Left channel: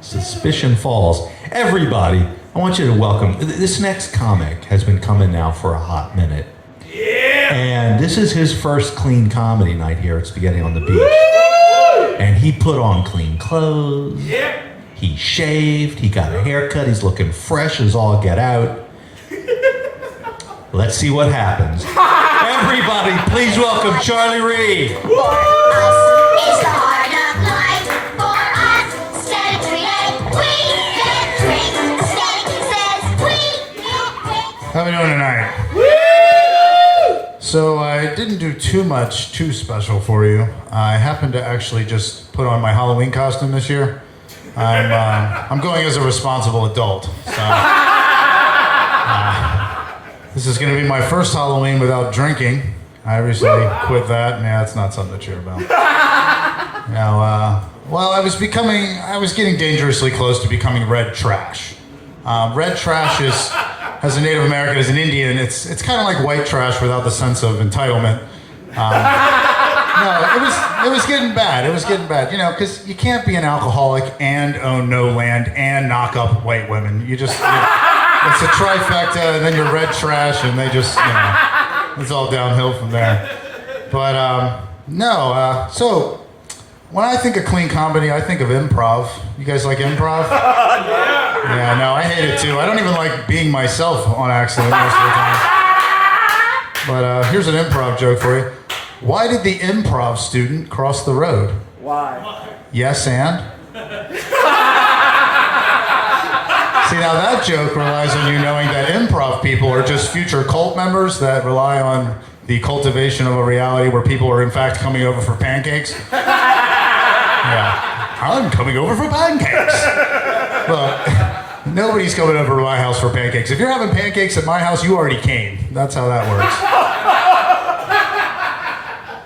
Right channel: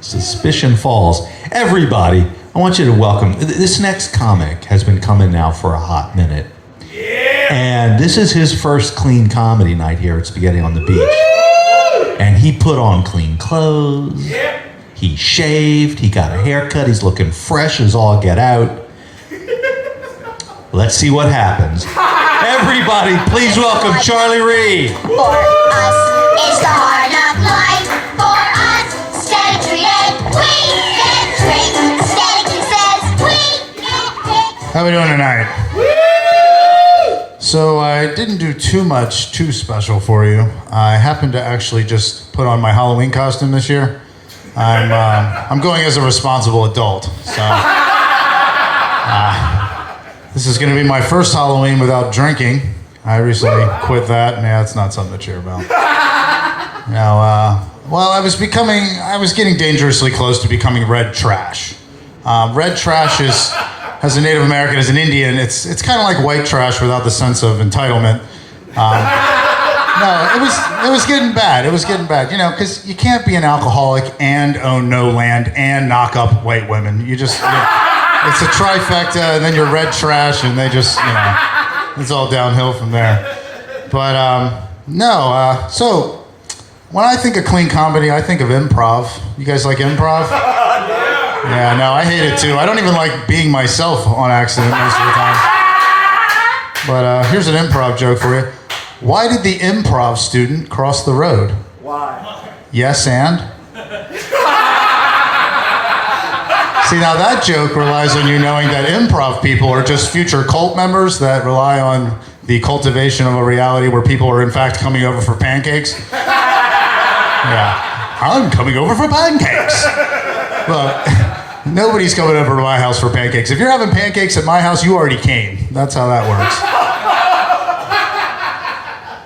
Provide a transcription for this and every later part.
Suspicion Falls. Everybody, I want you to welcome. This next comic has been coming now for a hot minute. Yeah. And this is his first clean comedy night here at Spaghetti on the Beach. Woo! And he put on clean clothes. Yeah. He shaved. He got a haircut. He's looking fresh as all get out. Let's see what happens. Everybody, please welcome Charlie Reed. For us, it's the hard knock life. For us, Static create. We can drink. Static says we can drink. How we doing tonight? Woo! So I didn't do too special for you. I happened to actually just put on my Halloween costume this year. I'm going as a responsible adult, so this is going to be my first Halloween without drinking. I recently quit that, and yeah, it's not something to cheer about. Now, well, I was getting dangerously close to becoming red trash. Red trash is, as a Native American, as an Indian, it's kind of like white trash without the sense of entitlement. No, it was getting bad. It was getting bad, because you can't be an alcoholic and own no land and knock up white women. It's a trifecta, and then you're red trash, and they just, it's all downhill from there. But, so when I think of clean comedy, I think of improv. You guys like improv? Yeah, no, I hate it too. I don't even like being myself on accident most of the time. But here's an improv joke for you. Why did the improv student cross the road? Why? Yes, and? See, now that joke relies on you knowing that improv people are just future cult members that rely on the cultivation of a reality where people are in fact coming over for pancakes. Yeah, I'm coming over for pancakes. Look, nobody's coming over to my house for pancakes. If you're having pancakes at my house, you already came. That's how that works.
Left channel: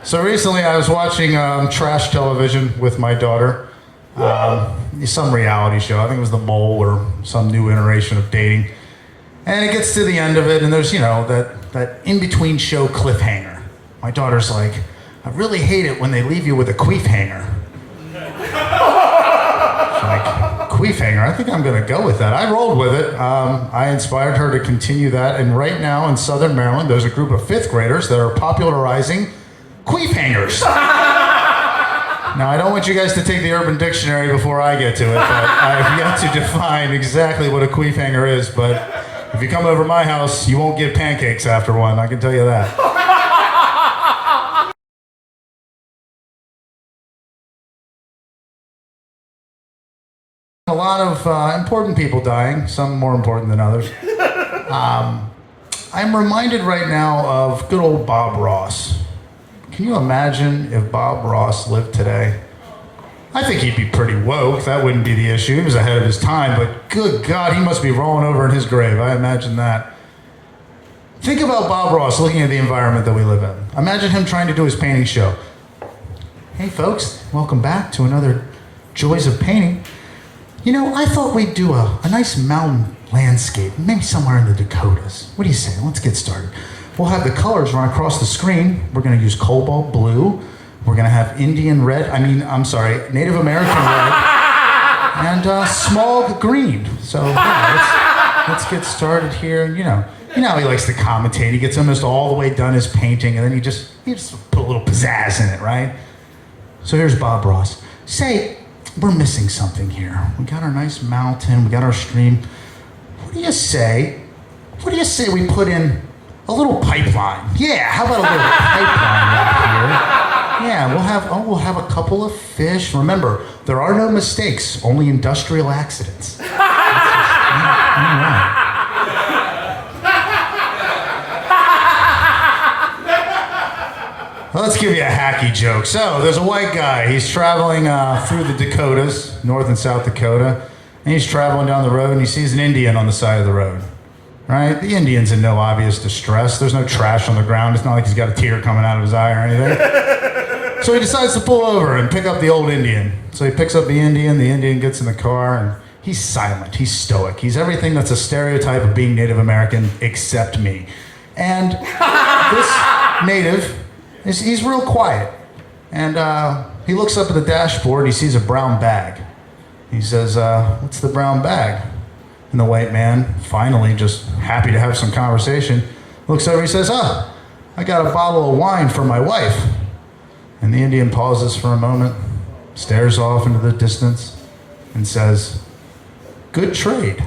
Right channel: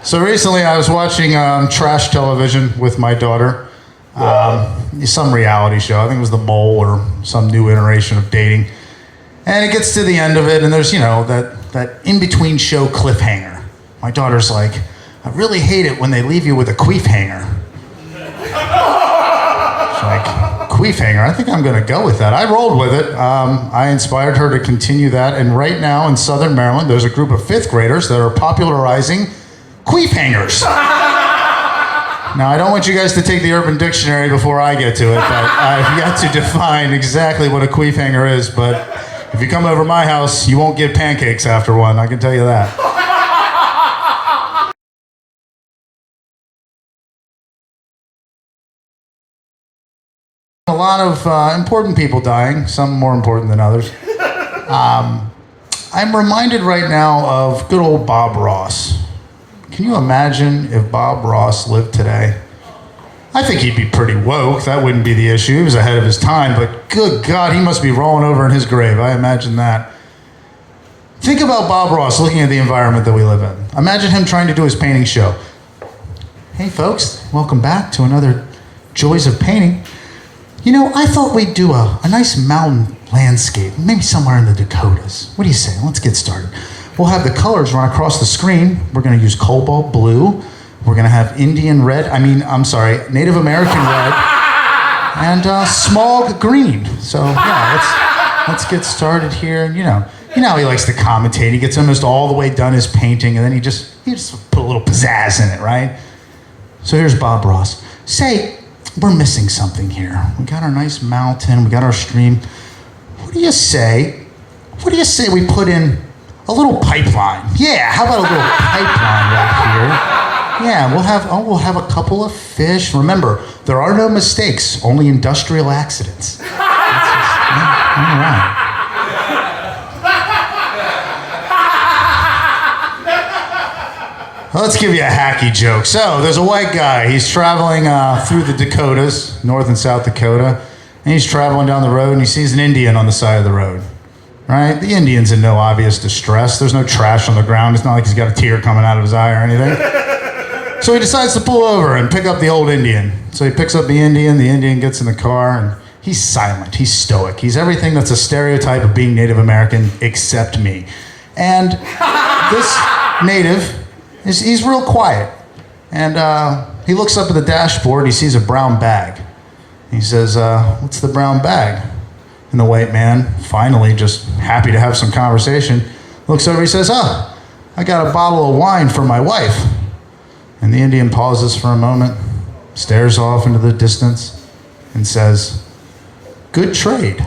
So recently I was watching trash television with my daughter. Some reality show. I think it was The Mole or some new iteration of dating. And it gets to the end of it, and there's, that in-between show cliffhanger. My daughter's like, I really hate it when they leave you with a queef hanger. She's like, queef hanger? I think I'm going to go with that. I rolled with it. I inspired her to continue that, and right now in Southern Maryland, there's a group of fifth graders that are popularizing queef hangers. Now, I don't want you guys to take the Urban Dictionary before I get to it, but I've yet to define exactly what a queef hanger is, but if you come over my house, you won't get pancakes after one, I can tell you that. A lot of important people dying, some more important than others. I'm reminded right now of good old Bob Ross. Can you imagine if Bob Ross lived today? I think he'd be pretty woke. That wouldn't be the issue. He was ahead of his time, but good God, he must be rolling over in his grave. I imagine that. Think about Bob Ross looking at the environment that we live in. Imagine him trying to do his painting show. Hey folks, welcome back to another Joys of Painting. I thought we'd do a nice mountain landscape, maybe somewhere in the Dakotas. What do you say? Let's get started. We'll have the colors run across the screen. We're going to use cobalt blue. We're going to have Native American red, and small green. So yeah, let's get started here. And you know how he likes to commentate. He gets almost all the way done his painting, and then he just put a little pizzazz in it, right? So here's Bob Ross. Say, we're missing something here. We got our nice mountain. We got our stream. What do you say we put in a little pipeline? Yeah, how about a little pipeline right here? Yeah, we'll have a couple of fish. Remember, there are no mistakes, only industrial accidents. All right. Let's give you a hacky joke. So, there's a white guy. He's traveling through the Dakotas, North and South Dakota, and he's traveling down the road, and he sees an Indian on the side of the road. Right? The Indian's in no obvious distress. There's no trash on the ground. It's not like he's got a tear coming out of his eye or anything. So he decides to pull over and pick up the old Indian. So he picks up the Indian gets in the car, and he's silent, he's stoic. He's everything that's a stereotype of being Native American except me. And this native, he's real quiet. And he looks up at the dashboard, he sees a brown bag. He says, what's the brown bag? And the white man, finally just happy to have some conversation, looks over, he says, oh, I got a bottle of wine for my wife. And the Indian pauses for a moment, stares off into the distance, and says, good trade.